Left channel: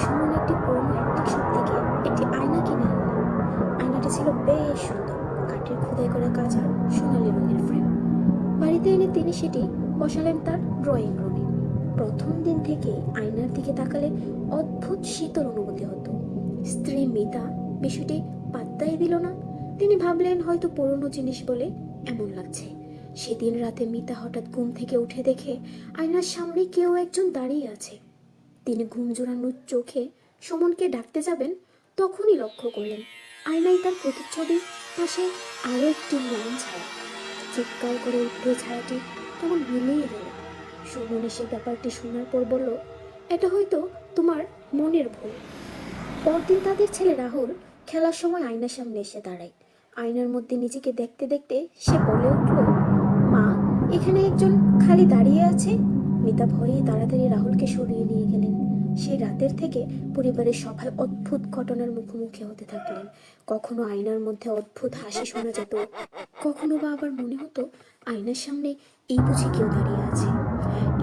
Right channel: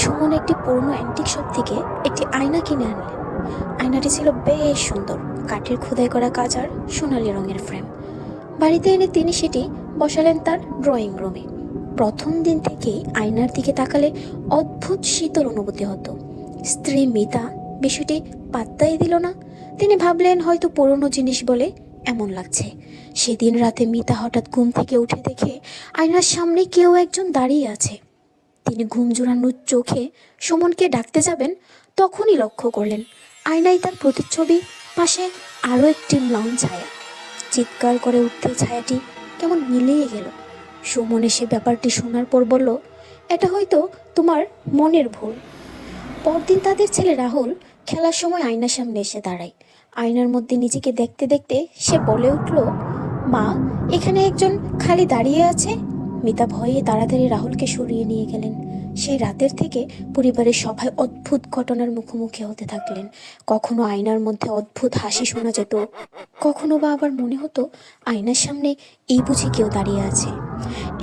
সুমন একটি পুরনো antique shop থেকে একটি আয়না কিনে আনলেন। আয়নাটি ছিল বেশ সুন্দর, কাঠের খোদাই করা কাজ আর সোনালী রঙের ফ্রেম। বাড়িতে এনে তিনি সেটি বসালেন তার ড্রয়িং রুমে। প্রথম দিন থেকেই আয়নার দিকে তাকালে অদ্ভুত শীতল অনুভূতি হতো। স্ত্রী মিতা বিষয়টি পাত্তাই দিল না। তিনি ভাবলেন হয়তো পুরনো জিনিস বলে এমন লাগছে। সেদিন রাতে মিতা হঠাৎ ঘুম থেকে উঠে দেখে আয়নার সামনে কেউ একজন দাঁড়িয়ে আছে। তিনি ঘুম জোড়ানো চোখে সুমনকে ডাকতে যাবেন, তখনই লক্ষ্য করলেন আয়নায় তার প্রতিচ্ছবি, পাশে আরও একটি ম্লান ছায়া। চিৎকার করে উঠতে ছায়াটি কেমন মিলিয়ে গেল। সুমন এসে ব্যাপারটি শোনার পর বলল, এটা হয়তো তোমার মনের ভুল। পরদিন তাদের ছেলে রাহুল খেলার সময় আয়নার সামনে এসে দাঁড়ায়। আয়নার মধ্যে নিজেকে দেখতে দেখতে সে বলে উঠল, মা, এখানে একজন খালি দাঁড়িয়ে আছে। মিতা ভয়ে তাড়াতাড়ি রাহুলকে সরিয়ে নিয়ে গেলেন। সেই রাতের থেকে পরিবারের সবাই অদ্ভুত ঘটনার মুখোমুখি হতে থাকলেন। কখনো আয়নার মধ্যে অদ্ভুত হাসি শোনা যেত, কখনো বা আবার মনে হতো আয়নার সামনে এই বুঝি কেউ দাঁড়িয়ে আছে।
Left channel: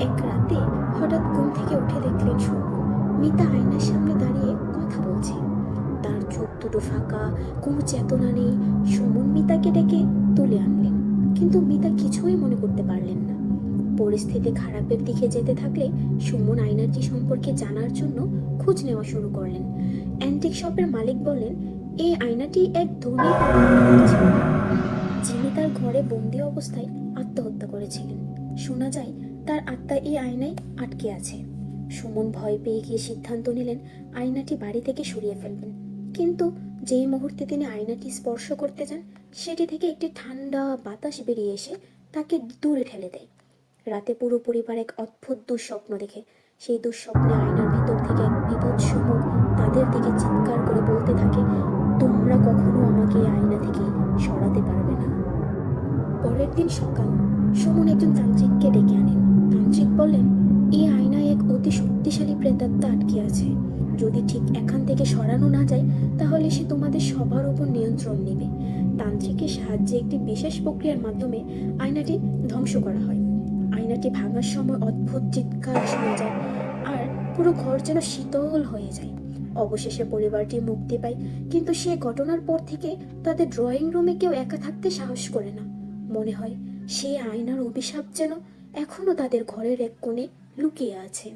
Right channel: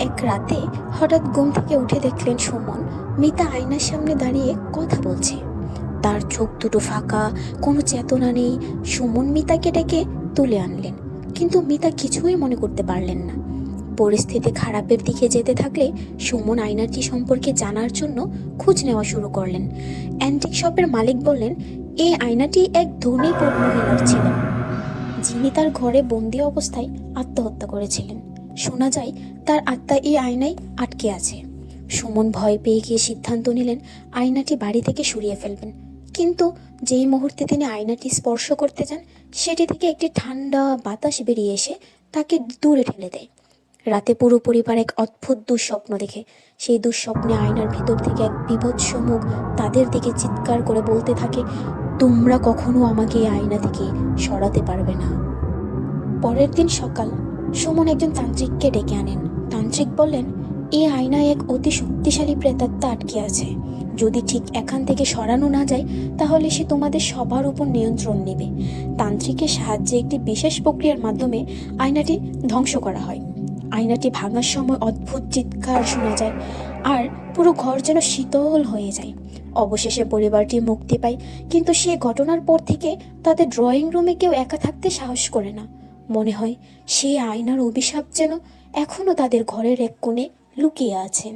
এক রাতে হঠাৎ ঘুম থেকে উঠে দেখলেন সুমন মিতা আয়নার সামনে দাঁড়িয়ে কথা বলছে। তার চোখ দুটো ফাঁকা, কোনো চেতনা নেই। সুমন মিতাকে ডেকে তুলে আনলেন, কিন্তু মিতা কিছুই মনে করতে পারলেন না। পরিস্থিতি খারাপের দিকে যেতে থাকলে সুমন আয়নাটি সম্পর্কে জানার জন্য খোঁজ নেওয়া শুরু করলেন। অ্যান্টিক শপের মালিক বললেন, এই আয়নাটি এক ধনী পদ্মমিনীর ছিলেন, যিনি তার ঘরে বন্দি অবস্থায় আত্মহত্যা করেছিলেন। শোনা যায় তার আত্মা এই আয়নায় আটকে আছে। সুমন ভয় পেয়ে গিয়ে সিদ্ধান্ত নিলেন আয়নাটি বাড়ি থেকে সরিয়ে ফেলবেন। কিন্তু যেই মুহূর্তে তিনি আয়নাটি স্পর্শ করতে যান, সেটি থেকে একটি ঠান্ডা বাতাস বেরিয়ে এসে তাকে দূরে ঠেলে দেয়। রাতে পুরো পরিবার এক অদ্ভুত দুঃস্বপ্ন দেখে। সেই দুঃস্বপ্নে আয়নার ভিতর থেকে এক বীভৎস মুখ তাদের দিকে চিৎকার করে বলতে থাকে, তোমরা কখনো আমাকে এই আয়না থেকে সরাতে পারবে না। পরের দিন সকাল, সুমন একজন তান্ত্রিককে ডেকে আনেন। তান্ত্রিক বললেন, এই আয়নায় এক অতি শক্তিশালী প্রেতাত্মা আটকে আছে। যদি ঠিক এখান থেকে সরানো না যায়, তাহলে সে তোমাদের সবার উপর নিয়ন্ত্রণ নেবে। তান্ত্রিকের সাহায্যে একটি বিশেষ প্রক্রিয়ার মাধ্যমে আয়নাটি ধ্বংস করা হয়। আয়নাটি ভাঙার সময় অদ্ভুত চিৎকার শোনা যায়, আর পুরো ঘর যেন শীতল হয়ে যায়। অবশেষে পরিবারটি মুক্তি পায়, কিন্তু সেই ঘটনার পর থেকে তাদের ড্রয়িং রুমে কেউ একা থাকতে সাহস করে না। মনে হয় সেই আয়নার অভিশাপ যেন এখনো তাদের ঘরের এক কোণে লুকিয়ে আছেন।